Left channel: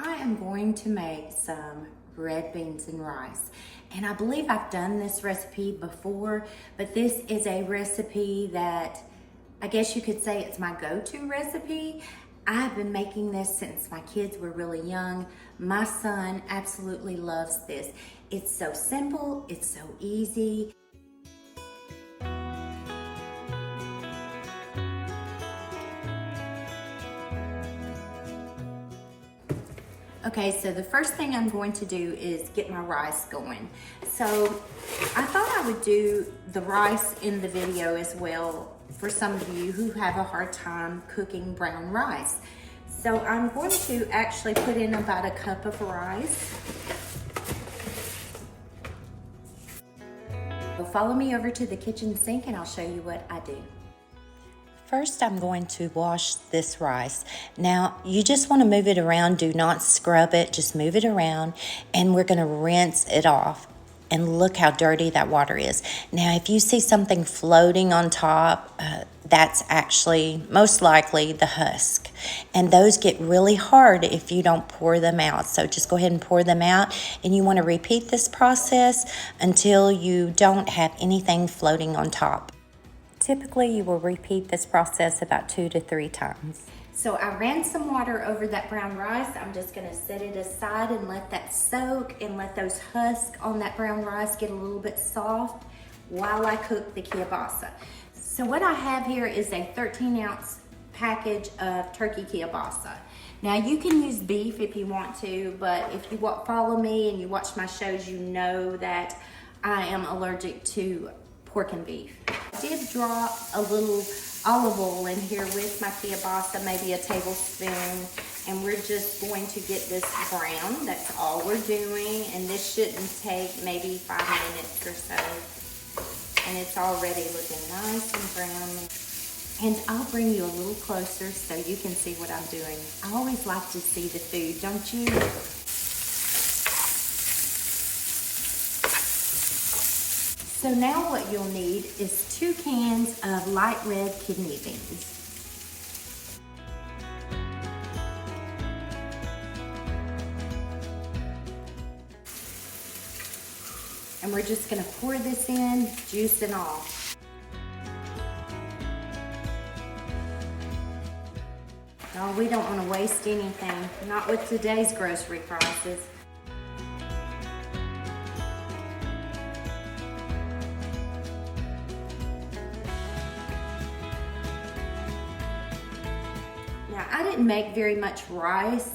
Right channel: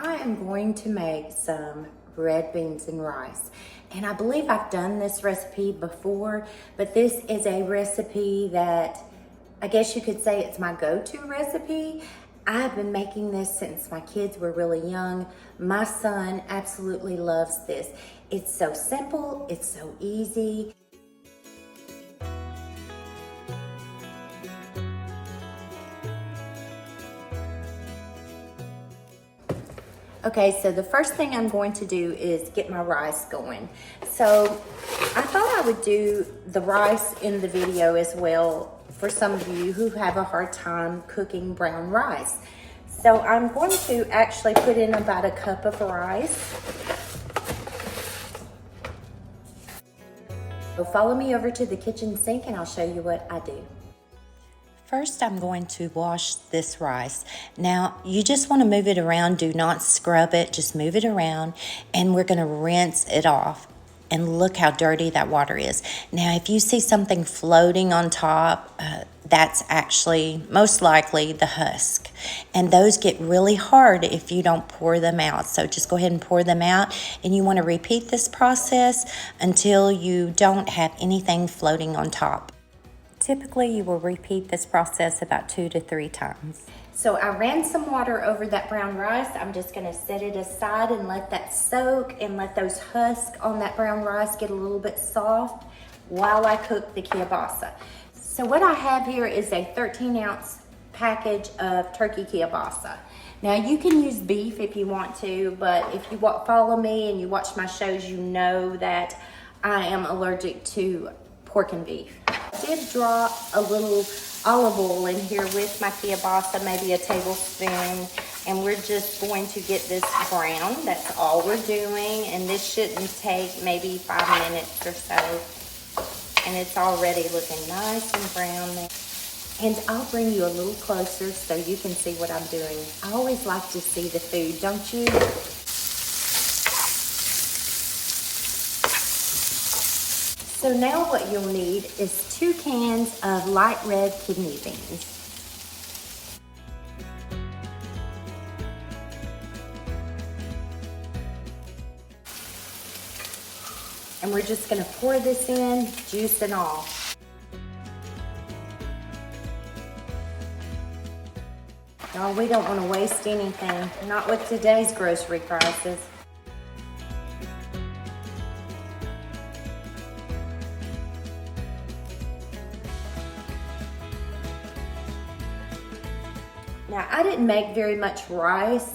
I am going to make some red beans and rice. And I believe I've done this recipe before, but this is a recipe that I guess you could say it's my go-to recipe. I've been making this since my kids were really young. My son absolutely loves this. It's so simple, it's so easy. Okay, so the first thing I'm going to do is get my rice going. So I thought I would do the rice in the video as well for some of you who have a hard time cooking brown rice. So I'm going to actually put in about a cup of rice. So follow me over to the kitchen sink and I'll show you what I do. First, I'm going to wash this rice. Now, you just want to move it around. Do not scrub it. Just move it around. And we're going to rinse it off. And look how dirty that water is. Now, if you see something floating on top, that's actually most likely the husk. And those get really hard if you don't pour them out. So just go ahead and pour them out. And you want to repeat this process until you don't have anything floating on top. Typically, you will repeat this process about 2 to 3 times. So I ran some water over that brown rice. I'm just gonna set it aside and let that soak and let those husks on that brown rice get a little bit soft while I cook the kielbasa. So what I have here is a 13-ounce package of turkey kielbasa. Now you can use beef if you want to, but if you follow me and you watch my shows, you know that I am allergic to pork and beef. I did drop a little olive oil in here with my kielbasa, maybe a tablespoon, and we're just going to get this brown. That's all we're doing, and this shouldn't take maybe 5 minutes or so. And it's already looking nice and brown. And I'll bring you a little closer so you can see what I'm doing. I always like to see the food, don't you? So now what you'll need is 2 cans of light red kidney beans. And we're just gonna pour this in, juice and all. No, we don't wanna waste anything, not with today's grocery prices. Now, I didn't make very much rice,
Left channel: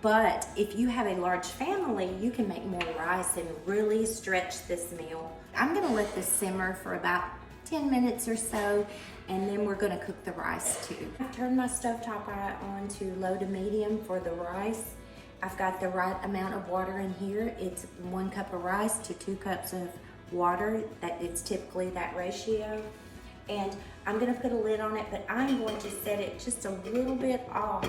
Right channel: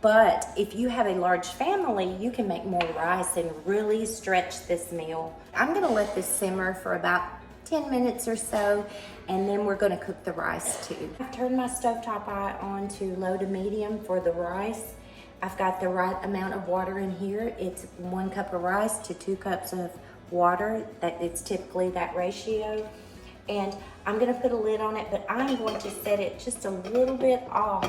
but if you have a large family, you can make more rice and really stretch this meal. I'm gonna let this simmer for about 10 minutes or so, and then we're gonna cook the rice too. I've turned my stovetop eye on to low to medium for the rice. I've got the right amount of water in here. It's 1 cup of rice to 2 cups of water. It's typically that ratio. And I'm gonna put a lid on it, but I'm going to set it just a little bit off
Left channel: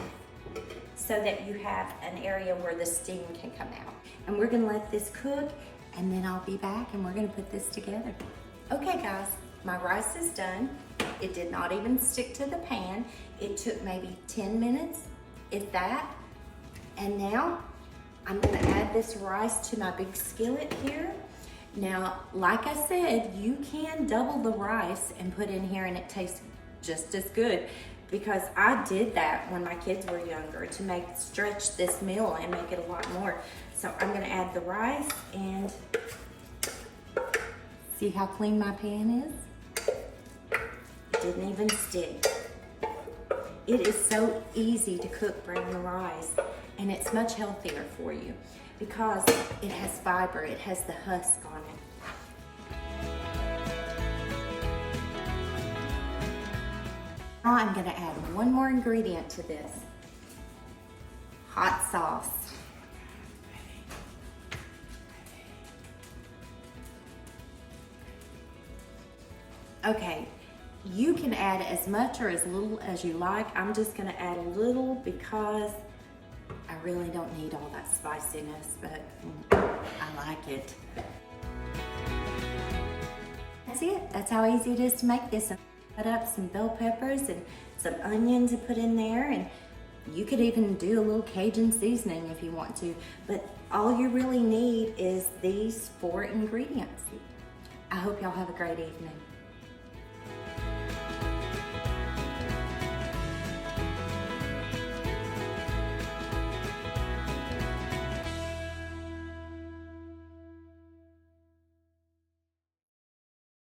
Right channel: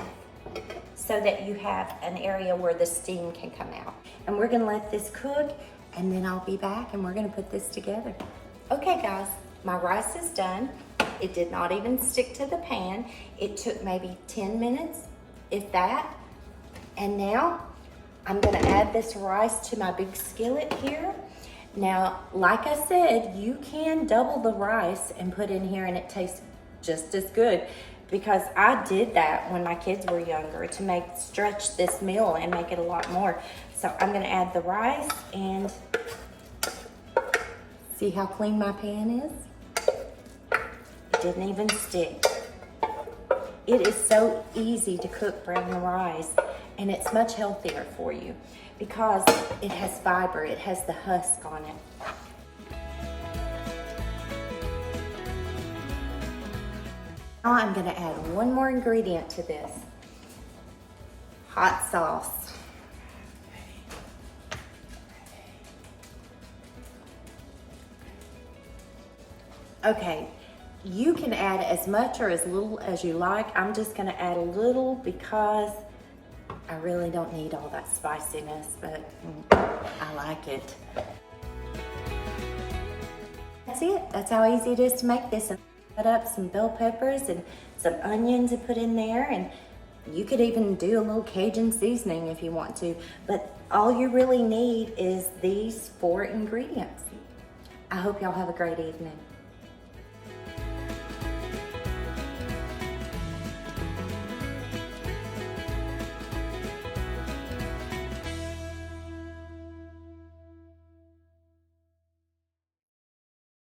so that you have an area where the steam can come out. And we're gonna let this cook, and then I'll be back and we're gonna put this together. Okay guys, my rice is done. It did not even stick to the pan. It took maybe 10 minutes, if that. And now I'm gonna add this rice to my big skillet here. Now, like I said, you can double the rice and put in here and it tastes just as good, because I did that when my kids were younger to stretch this meal and make it a lot more. So I'm gonna add the rice and see how clean my pan is? It didn't even stick. It is so easy to cook brown rice, and it's much healthier for you because it has fiber, it has the husk on it. Now I'm gonna add one more ingredient to this. Hot sauce. Okay, you can add as much or as little as you like. I'm just gonna add a little because I really don't need all that spiciness, but I like it. That's it. That's how easy it is to make this. Cut up some bell peppers and some onions to put in there, and You could even do a little Cajun seasoning if you want to, but all you really need is these 4 ingredients. I hope y'all have a great evening.